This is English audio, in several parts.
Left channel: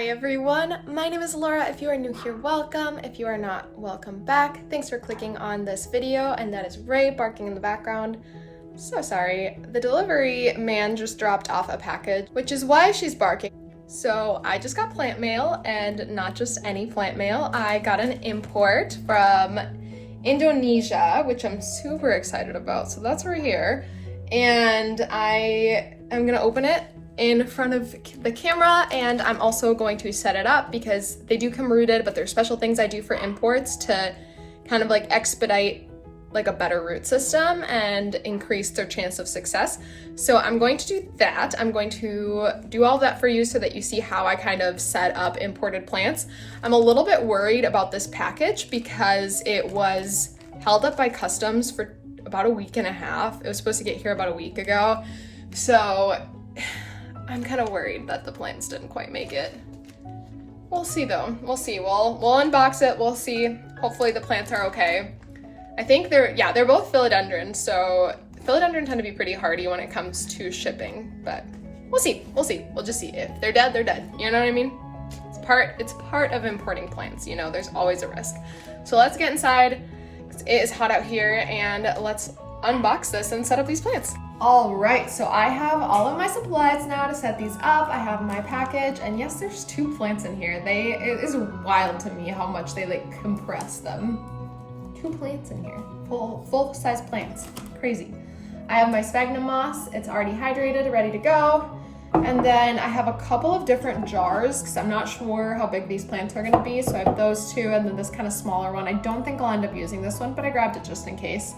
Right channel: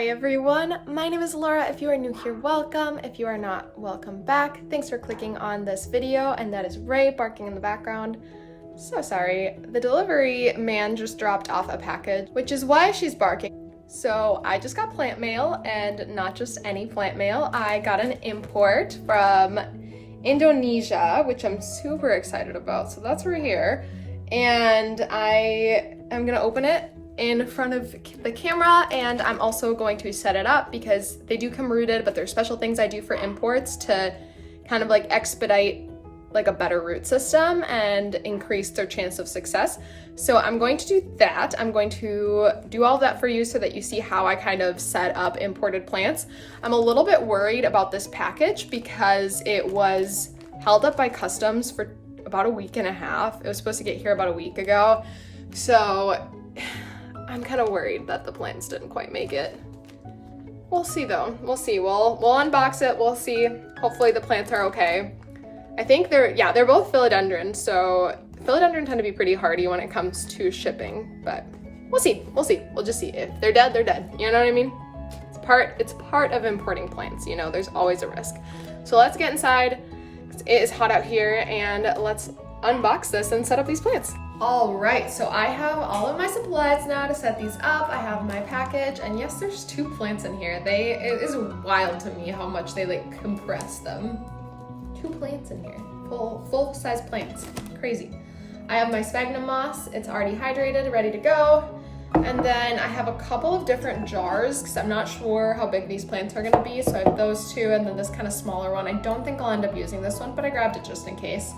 Hi everyone, my name is Laura. If you are new here, welcome. If you are not, welcome back. Thanks for clicking on this video, and that is Ray barking in the background. So sorry, the delivery man just dropped off a package, which is why she's barking. So I just got plant mail, and not just any plant mail. I got an import from Indonesia, which I'm super excited about. So that's right here, and I am gonna open it in front of the camera, and I'm also going to set it up because they do come rooted, but there's special things I do for imports to kind of like expedite like a better root system and increase their chance of success. So I'm going to do that. I'm going to do all of that for you so that you see how I kind of set up imported plants. I'm a little bit worried about this package because it was held up by customs for about a week and a half. It was supposed to get here about a week ago. So I'm kind of worried that the plants didn't quite make it. We'll see though, we'll see. We'll unbox it, we'll see. Hopefully the plants are okay. I think they're both philodendron, so philodendron tend to be pretty hardy when it comes to shipping, but we'll see. We'll just see. If they're dead, they're dead. You know what I mean? It's part of importing plants, you know, there's always a risk. So let's get inside. It is hot out here, and let's unbox this and set up these plants. All right, so I have all of my supplies now to set these up. I have my package, and yes, there's 2 plants in here. It is wild to me how much they like compress them. 2 plants in here, full size plants, crazy. I have my sphagnum moss. It's already hydrated, ready to go. And then I have a couple of different jars because I'm not sure how big these plants are gonna be. So I have those 2 and then this kind of smaller one. I don't think I'll end up using this one, but I grabbed it just in case.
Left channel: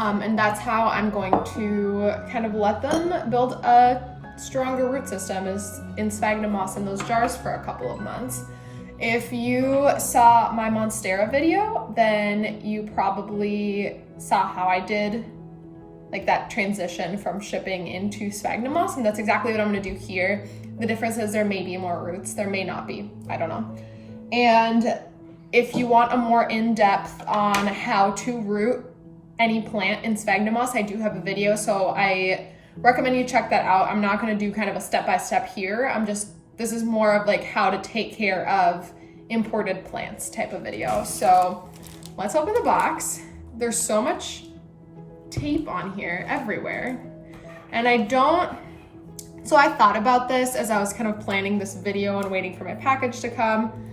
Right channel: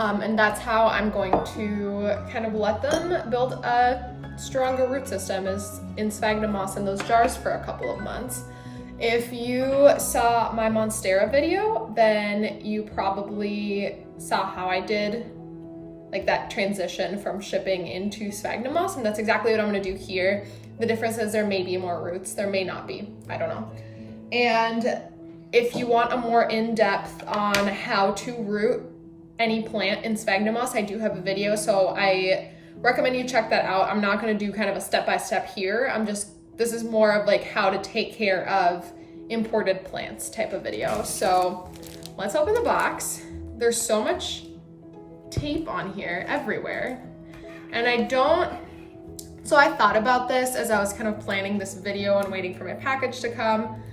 And that's how I'm going to kind of let them build a stronger root system, is in sphagnum moss in those jars for a couple of months. If you saw my Monstera video, then you probably saw how I did like that transition from shipping into sphagnum moss, and that's exactly what I'm gonna do here. The difference is there may be more roots, there may not be, I don't know. And if you want a more in-depth on how to root any plant in sphagnum moss, I do have a video, so I recommend you check that out. I'm not gonna do kind of a step-by-step here. This is more of like how to take care of imported plants type of video. So let's open the box. There's so much tape on here everywhere. And so I thought about this as I was kind of planning this video and waiting for my package to come.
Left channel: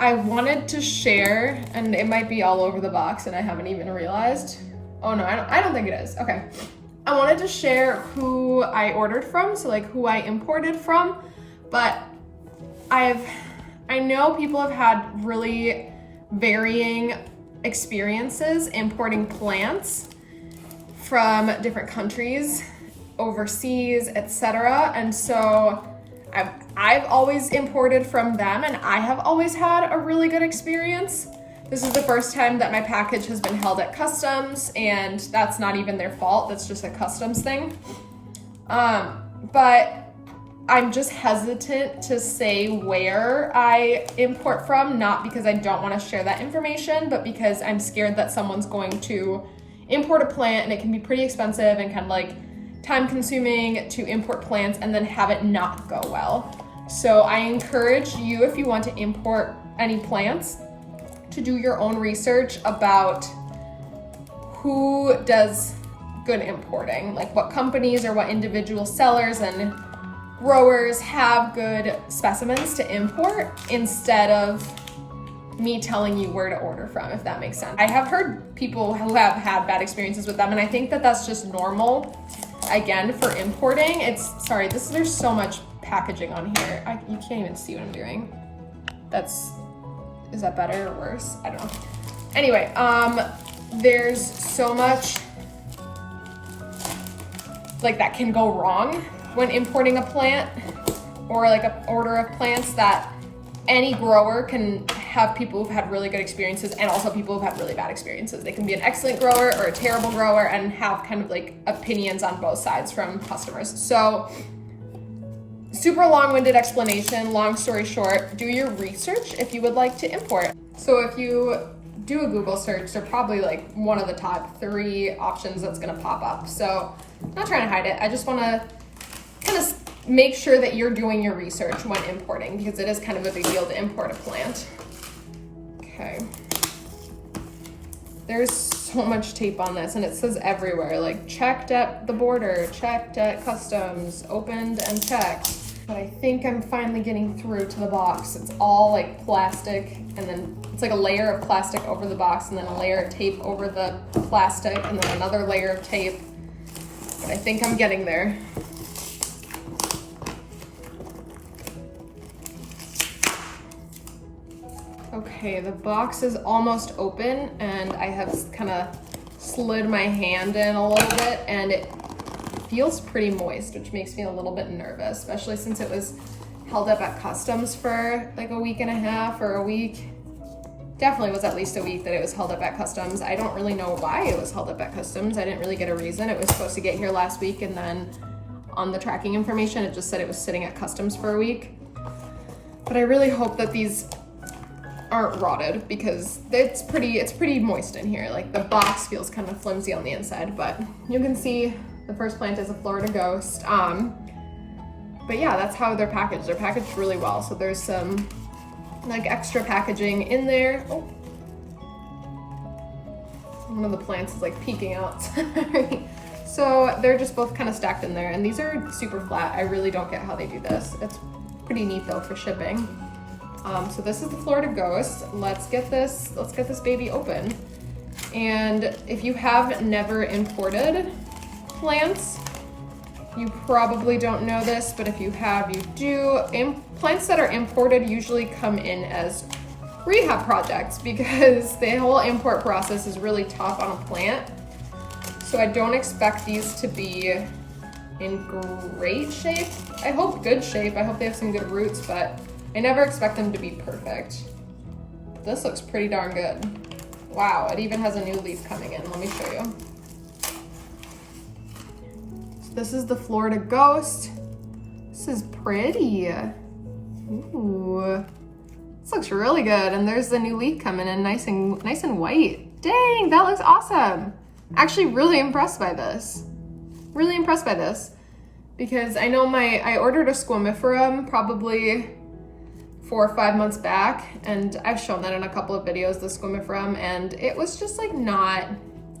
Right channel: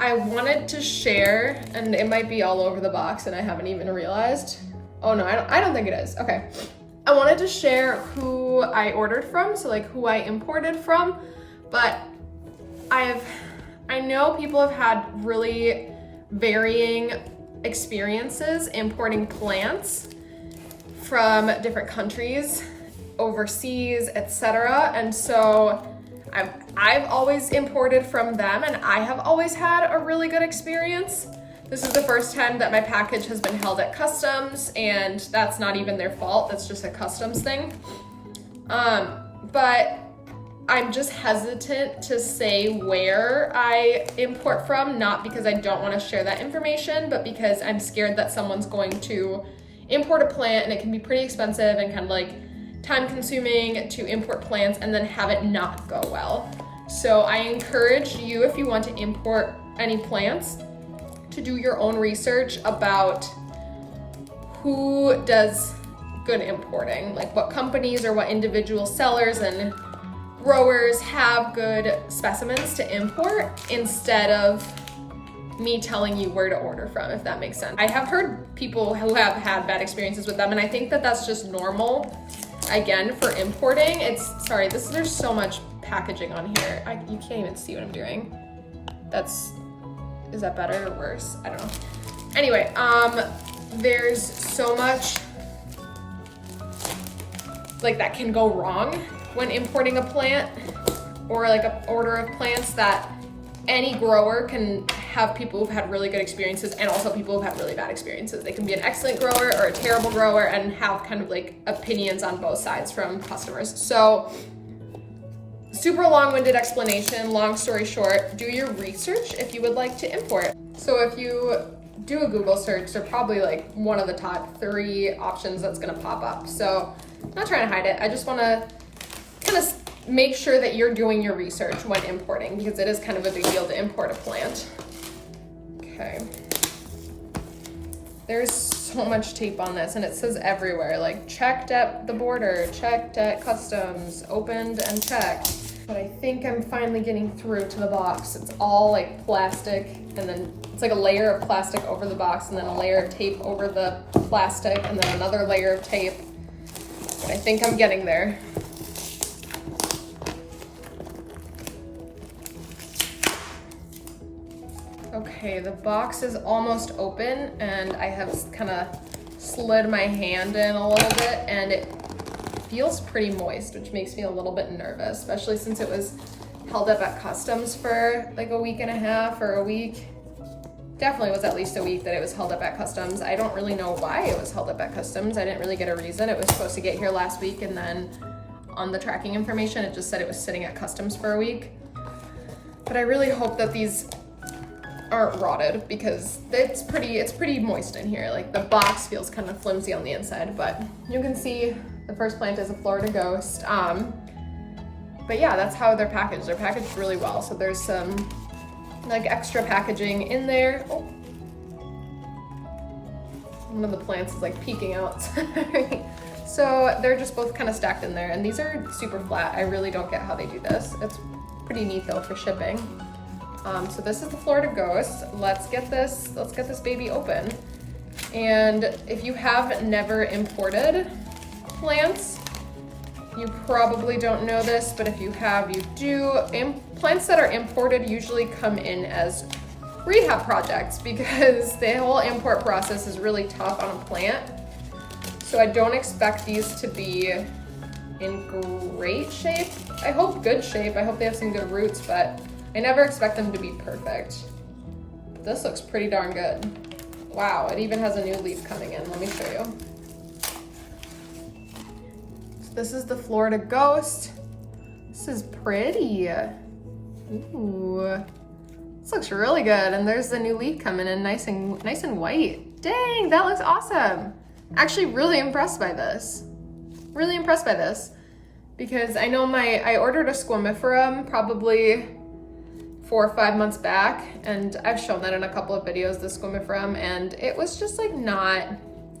I wanted to share, and it might be all over the box and I haven't even realized. Oh no, I don't think it is. Okay. I wanted to share who I ordered from, so like who I imported from, but I know people have had really varying experiences importing plants from different countries, overseas, etc. And so I've always imported from them, and I have always had a really good experience. This is the first time that my package has been held at customs, and that's not even their fault, that's just a customs thing. But I'm just hesitant to say where I import from, not because I don't want to share that information, but because I'm scared that someone's going to import a plant and it can be pretty expensive and kind of like time consuming to import plants and then have it not go well. So I encourage you, if you want to import any plants, to do your own research about who does good importing, like what companies or what individual sellers and growers have good specimens to import, instead of me telling you where to order from, if that makes sense. I have heard people who have had bad experiences with them, and I think that that's just normal, again, for importing. There's so much packaging on here. You can't even see what I'm doing. Is that better or worse? I don't know. Anyway, there's so much like that can go wrong when importing a plant, or like an order of plants, that any grower can have people who've had really good experiences and also people who've had really bad experiences. They can be an excellent grower or a terrible grower and have kind of like opinions on both sides from customers. So super long-winded explanation, long story short, do your research if you would like to import. So if you do a Google search, they're probably like one of the top 3 options that's gonna pop up. So I'm not trying to hide it. I just wanna kind of make sure that you're doing your research when importing, because it is kind of a big deal to import a plant. Okay. There's so much tape on this, and it says everywhere, like checked at the border, checked at customs, opened and checked. But I think I'm finally getting through to the box. It's all like plastic, and then it's like a layer of plastic over the box, and then a layer of tape over the plastic, and then another layer of tape. But I think I'm getting there. Okay, the box is almost open, and I have kind of slid my hand in a little bit, and it feels pretty moist, which makes me a little bit nervous, especially since it was held up at customs for like a week and a half or a week. Definitely was at least a week that it was held up at customs. I don't really know why it was held up at customs. I didn't really get a reason. It was supposed to get here last week, and then on the tracking information, it just said it was sitting at customs for a week. But I really hope that these aren't rotted, because it's pretty moist in here. Like the box feels kind of flimsy on the inside, but you can see the first plant is a Florida Ghost. But yeah, that's how they're packaged. They're packaged really well. So there's some like extra packaging in there. Oh, one of the plants is like peeking out. Sorry. So they're just both kind of stacked in there, and these are super flat. I really don't get how they do this. It's pretty neat though for shipping. So this is the Florida Ghost. Let's get this baby open. And if you have never imported plants, you probably don't know this, but if you have, you do. Plants that are imported usually come in as rehab projects, because the whole import process is really tough on a plant. So I don't expect these to be in great shape. I hope good shape. I hope they have some good roots, but I never expect them to be perfect. This looks pretty darn good. Wow, it even has a new leaf coming in. Let me show you. So this is the Florida Ghost. This is pretty. Ooh, this looks really good. And there's the new leaf coming in, nice and white. Dang, that looks awesome. Actually, really impressed by this. Really impressed by this, because I know I ordered a squamiferum probably 4 or 5 months back, and I've shown that in a couple of videos, the squamiferum, and it was just like not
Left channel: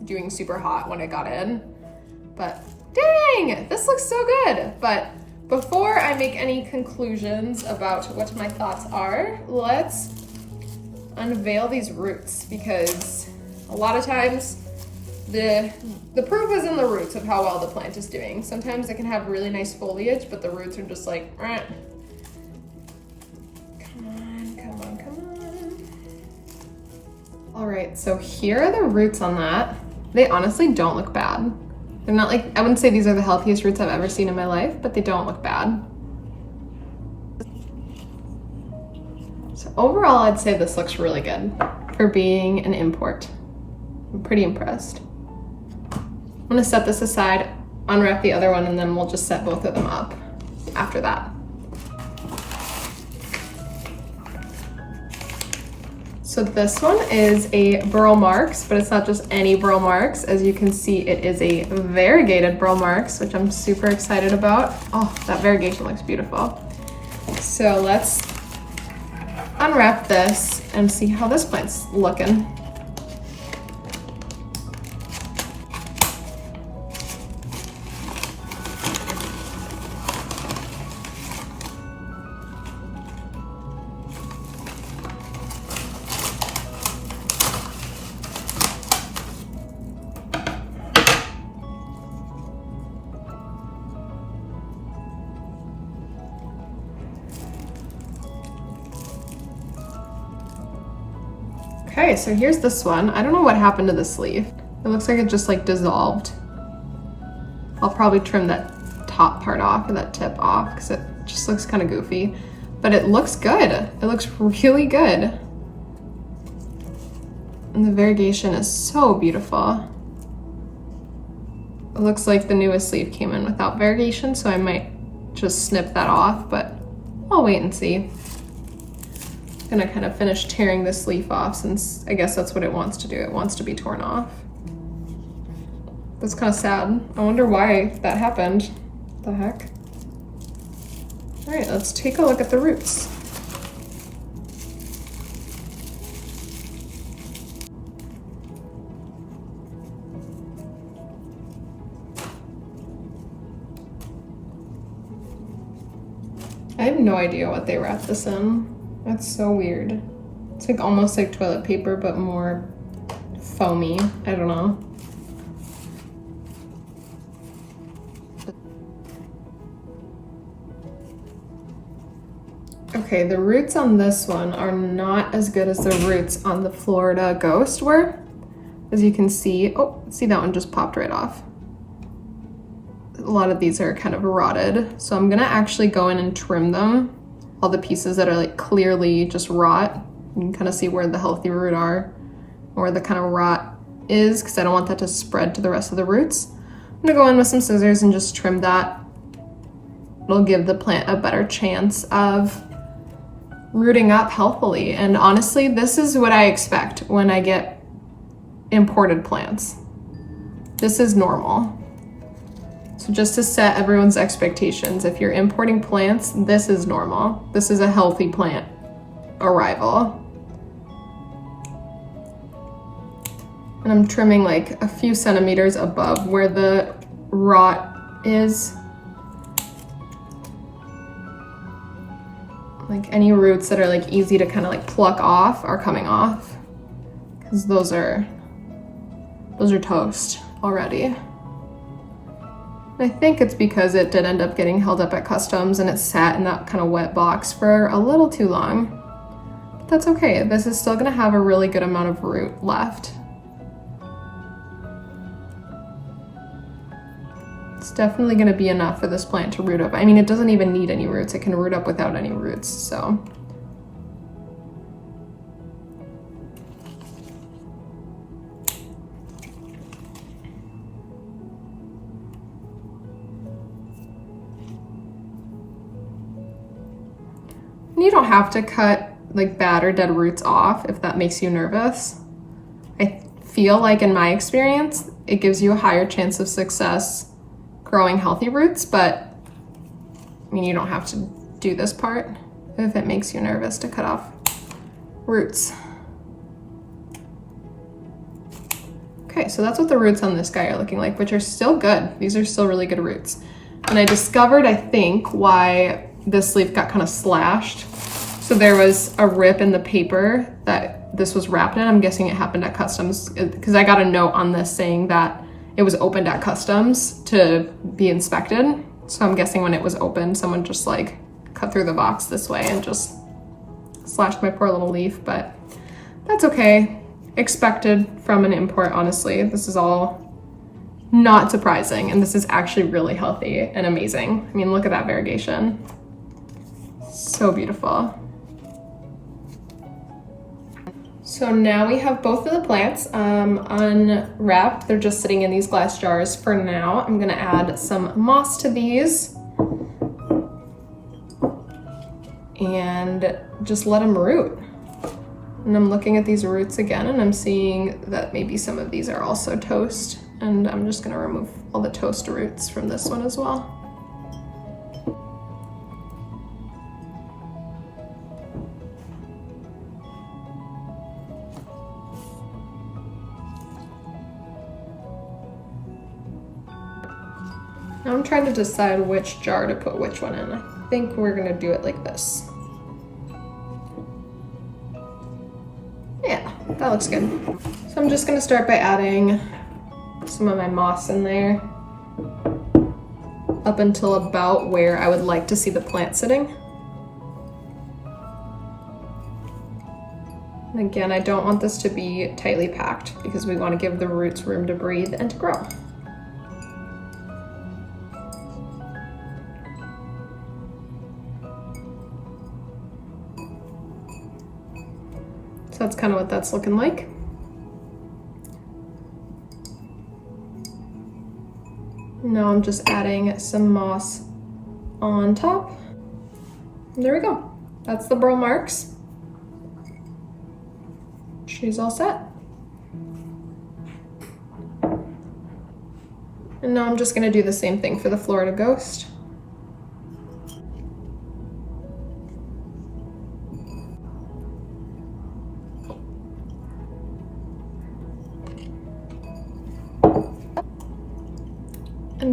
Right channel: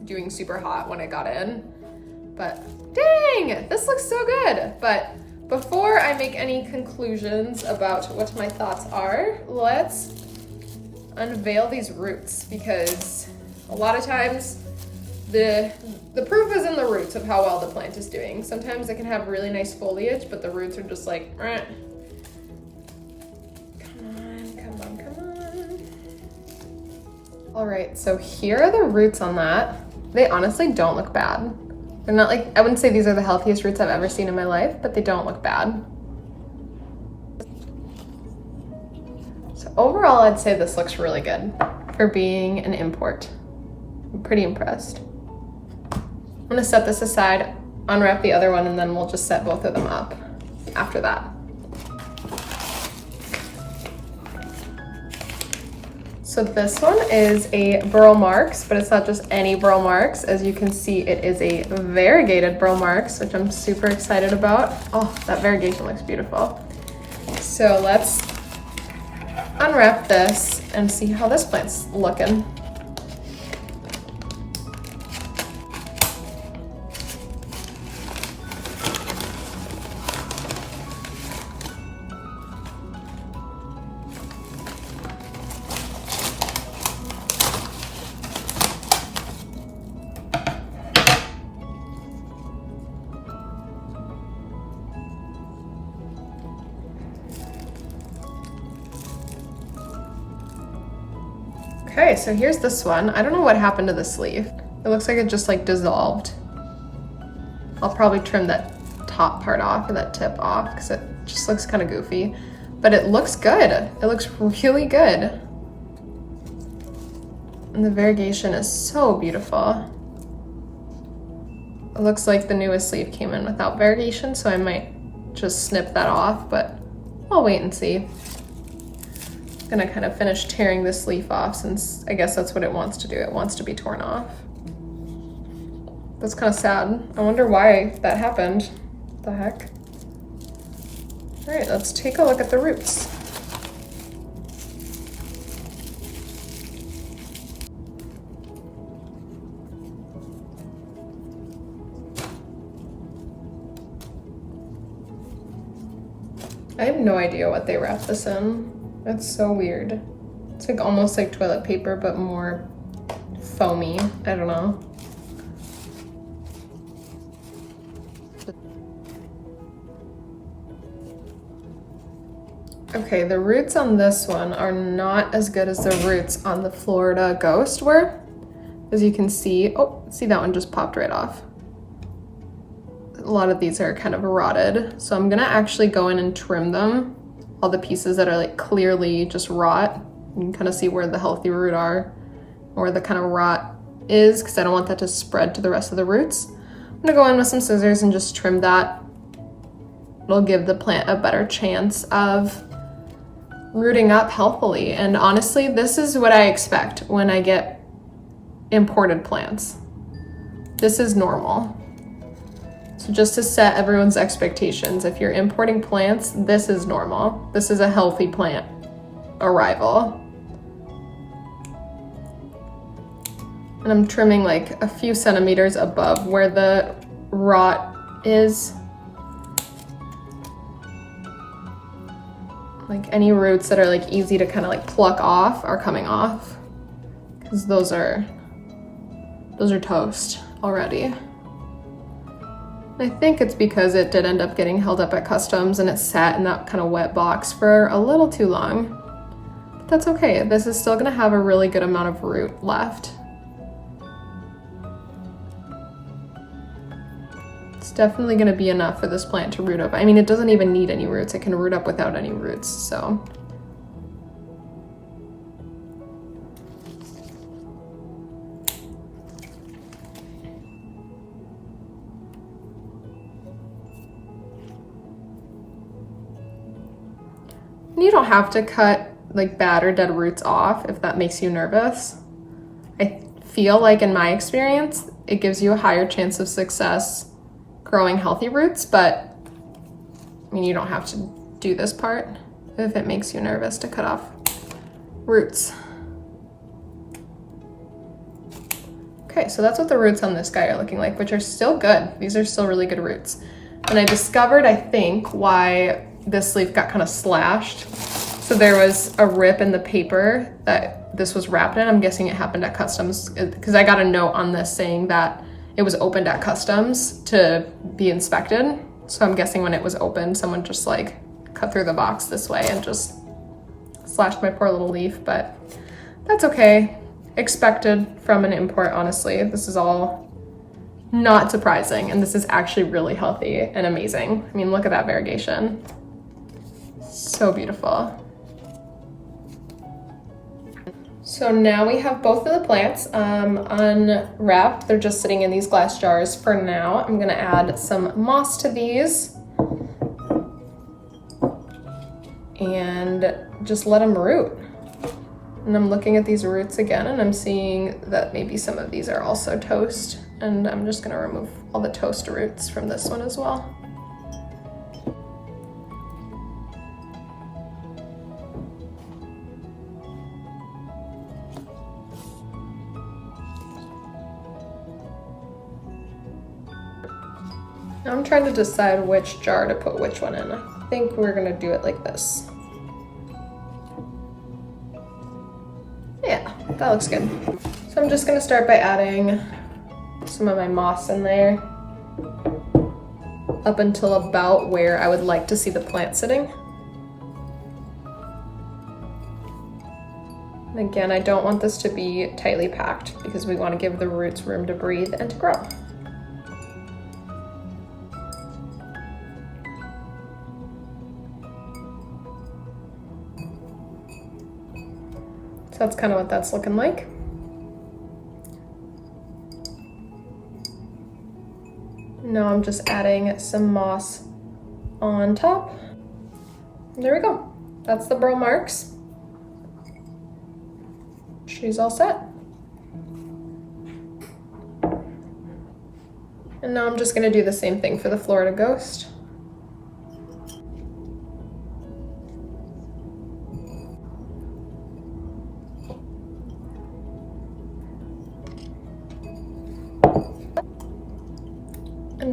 doing super hot when it got in. But dang, this looks so good. But before I make any conclusions about what my thoughts are, let's unveil these roots, because a lot of times the proof is in the roots of how well the plant is doing. Sometimes it can have really nice foliage, but the roots are just like, eh. All right, so here are the roots on that. They honestly don't look bad. They're not like, I wouldn't say these are the healthiest roots I've ever seen in my life, but they don't look bad. So overall, I'd say this looks really good for being an import. I'm pretty impressed. I'm gonna set this aside, unwrap the other one, and then we'll just set both of them up after that. So this one is a Burl Marks, but it's not just any Burl Marks. As you can see, it is a Variegated Burl Marks, which I'm super excited about. Oh, that variegation looks beautiful. So let's unwrap this and see how this plant's looking. Okay, so here's this one. I don't know what happened to the sleeve. It looks like it just like dissolved. I'll probably trim that top part off, or that tip off, because it just looks kind of goofy. But it looks good. It looks really good. And the variegation is so beautiful. It looks like the newest sleeve came in without variegation, so I might just snip that off, but I'll wait and see. Gonna kind of finish tearing this leaf off, since I guess that's what it wants to do. It wants to be torn off. That's kind of sad. I wonder why that happened. What the heck? All right, let's take a look at the roots. I have no idea what they wrap this in. That's so weird. It's like almost like toilet paper, but more foamy. I don't know. Okay, the roots on this one are not as good as the roots on the Florida Ghost were. As you can see, oh, see that one just popped right off. A lot of these are kind of rotted. So I'm gonna actually go in and trim them. All the pieces that are like clearly just rot. You can kind of see where the healthy root are, or the kind of rot is, because I don't want that to spread to the rest of the roots. I'm gonna go in with some scissors and just trim that. It'll give the plant a better chance of rooting up healthily. And honestly, this is what I expect when I get imported plants. This is normal. So just to set everyone's expectations, if you're importing plants, this is normal. This is a healthy plant arrival. And I'm trimming like a few centimeters above where the rot is. Like any roots that are like easy to kind of like pluck off are coming off, because those are toast already. I think it's because it did end up getting held up at customs and it sat in that kind of wet box for a little too long. But that's okay. This is still gonna have a really good amount of root left. It's definitely gonna be enough for this plant to root up. I mean, it doesn't even need any roots. It can root up without any roots, so. You don't have to cut like bad or dead roots off if that makes you nervous. I feel like in my experience, it gives you a higher chance of success growing healthy roots, but I mean, you don't have to do this part if it makes you nervous to cut off roots. Okay, so that's what the roots on this guy are looking like, which are still good. These are still really good roots. And I discovered, I think, why this leaf got kind of slashed. So there was a rip in the paper that this was wrapped in. I'm guessing it happened at customs, because I got a note on this saying that it was opened at customs to be inspected. So I'm guessing when it was opened, someone just like cut through the box this way and just slashed my poor little leaf, but that's okay. Expected from an import, honestly. This is all not surprising, and this is actually really healthy and amazing. I mean, look at that variegation. So beautiful. So now we have both of the plants unwrapped. They're just sitting in these glass jars for now. I'm gonna add some moss to these and just let them root. And I'm looking at these roots again, and I'm seeing that maybe some of these are also toast, and I'm just gonna remove all the toast roots from this one as well. Now I'm trying to decide which jar to put which one in. I think we're gonna do it like this. Yeah, that looks good. So I'm just gonna start by adding some of my moss in there up until about where I would like to see the plant sitting. And again, I don't want this to be tightly packed because we want to give the roots room to breathe and to grow. So that's kind of what that's looking like. Now I'm just adding some moss on top. There we go. That's the burl marks. She's all set. And now I'm just gonna do the same thing for the Florida Ghost.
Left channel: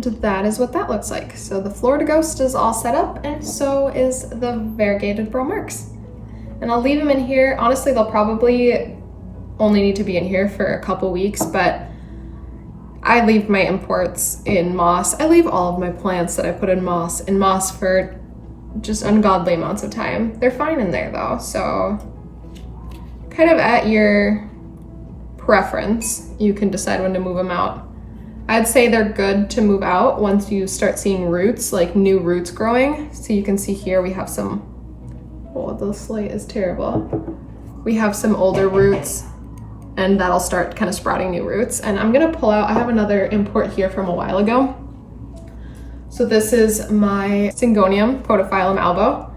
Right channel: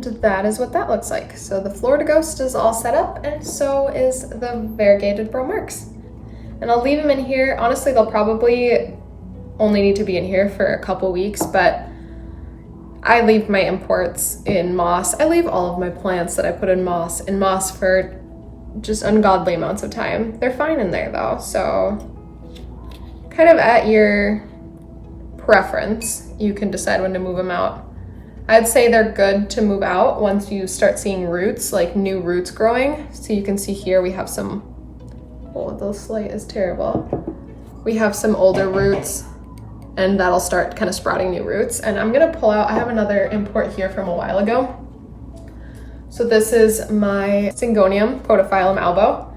that is what that looks like. So the Florida Ghost is all set up, and so is the Variegated Burl Marks. And I'll leave them in here. Honestly, they'll probably only need to be in here for a couple weeks, but I leave my imports in moss. I leave all of my plants that I put in moss for just ungodly amounts of time. They're fine in there though, so kind of at your preference, you can decide when to move them out. I'd say they're good to move out once you start seeing roots, like new roots growing. So you can see here we have some, oh, this light is terrible. We have some older roots, and that'll start kind of sprouting new roots. And I'm gonna pull out, I have another import here from a while ago. So this is my Syngonium Podophyllum albo.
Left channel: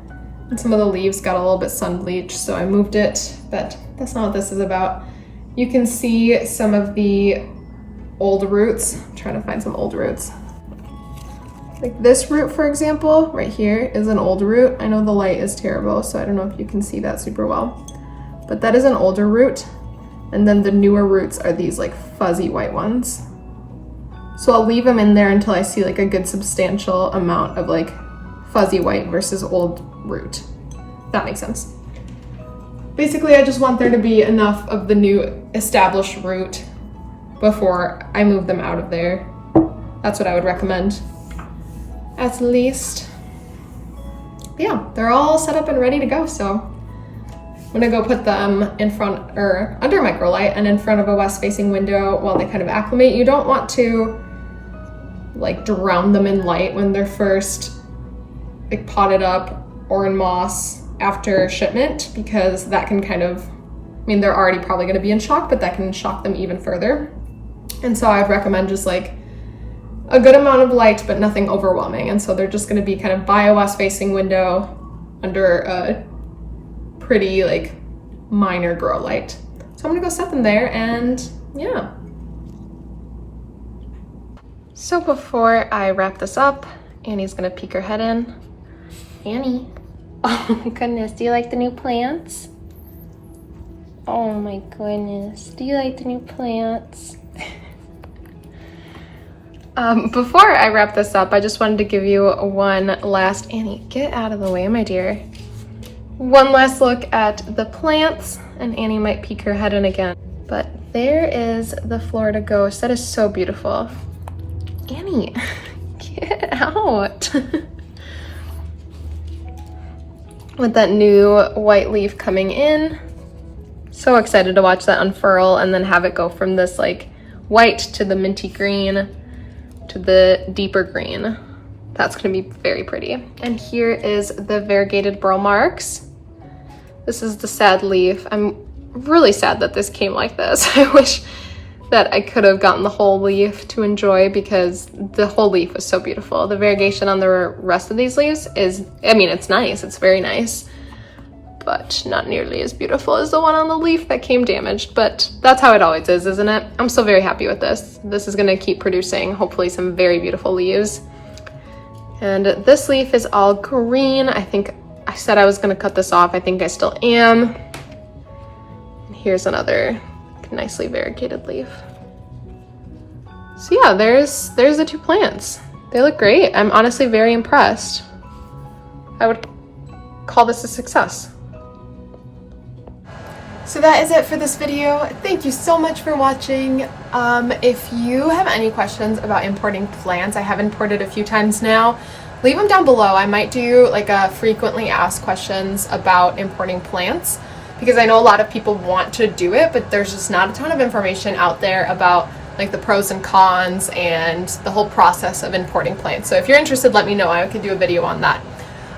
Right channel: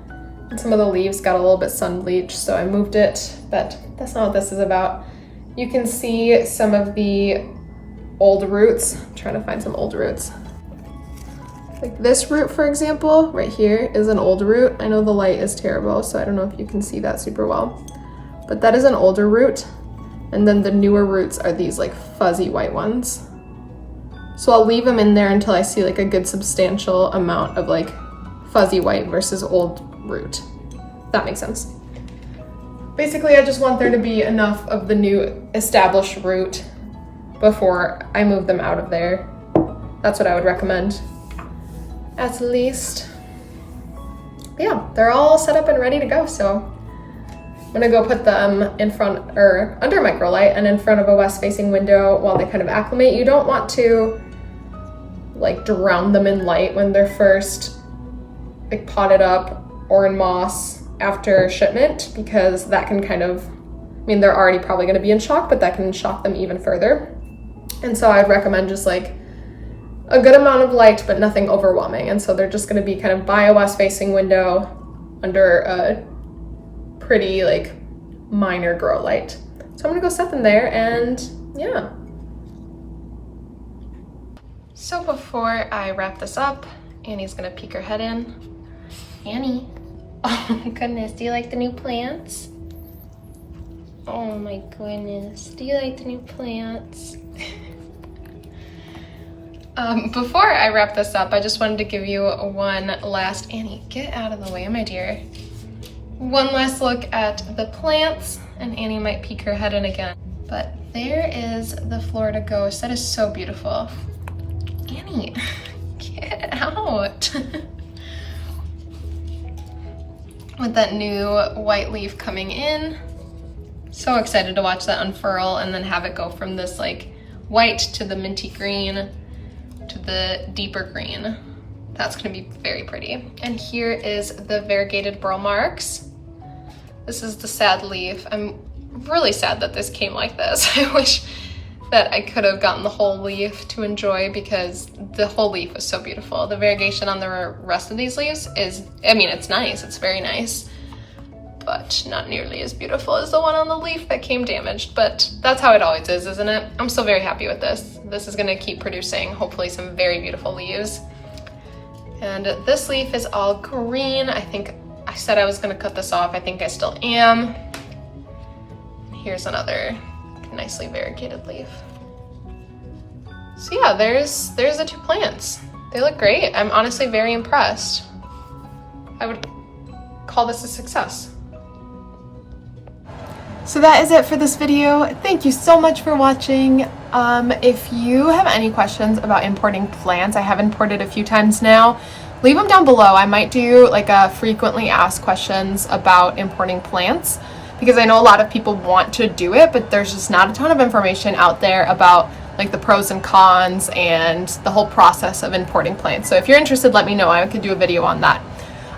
And some of the leaves got a little bit sun bleached, so I moved it, but that's not what this is about. You can see some of the old roots. I'm trying to find some old roots. Like this root, for example, right here is an old root. I know the light is terrible, so I don't know if you can see that super well, but that is an older root. And then the newer roots are these like fuzzy white ones. So I'll leave them in there until I see like a good substantial amount of like fuzzy white versus old root. That makes sense. Basically, I just want there to be enough of the new established root before I move them out of there. That's what I would recommend, at least. But yeah, they're all set up and ready to go, so I'm gonna go put them in front or under microlight and in front of a west-facing window while they kind of acclimate. You don't want to like drown them in light when they're first like potted up or in moss after shipment, because that can kind of, I mean, they're already probably gonna be in shock, but that can shock them even further. And so I'd recommend just like a good amount of light, but nothing overwhelming. And so they're just gonna be kind of by a west-facing window under a pretty like minor grow light. So I'm gonna go set them there, and yeah. So before I wrap this up, Annie's gonna peek her head in. Annie, oh my goodness, do you like the new plants? Oh my goodness, do you like the new plants? Before I wrap this up, I just wanted to give you one last, Annie, get out of the way, my dear. One last look at the plants, and Annie might peek her head in again. But there is the Florida Ghost. That is so beautiful. Annie, get out. With that new white leaf coming in. So excited to watch that unfurl and then have it go from this like white to the minty green to the deeper green. That's gonna be very pretty. And here is the Variegated Burl Marks. This is the sad leaf. I'm really sad that this came like this. I wish that I could have gotten the whole leaf to enjoy, because the whole leaf is so beautiful. The variegation on the rest of these leaves is, I mean, it's nice, it's very nice, but not nearly as beautiful as the one on the leaf that came damaged, but that's how it always is, isn't it? I'm still very happy with this. This is gonna keep producing, hopefully, some very beautiful leaves. And this leaf is all green. I think I said I was gonna cut this off. I think I still am. Here's another nicely variegated leaf. So yeah, there's the two plants. They look great. I'm honestly very impressed. I would call this a success. So that is it for this video. Thank you so much for watching. If you have any questions about importing plants, I have imported a few times now, leave them down below. I might do like a frequently asked questions about importing plants, because I know a lot of people want to do it, but there's just not a ton of information out there about like the pros and cons and the whole process of importing plants. So if you're interested, let me know. I could do a video on that.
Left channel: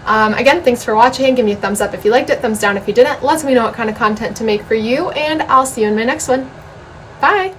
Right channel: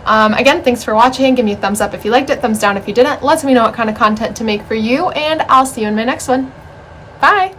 Again, thanks for watching. Give me a thumbs up if you liked it, thumbs down if you didn't. Let me know what kind of content to make for you, and I'll see you in my next one. Bye.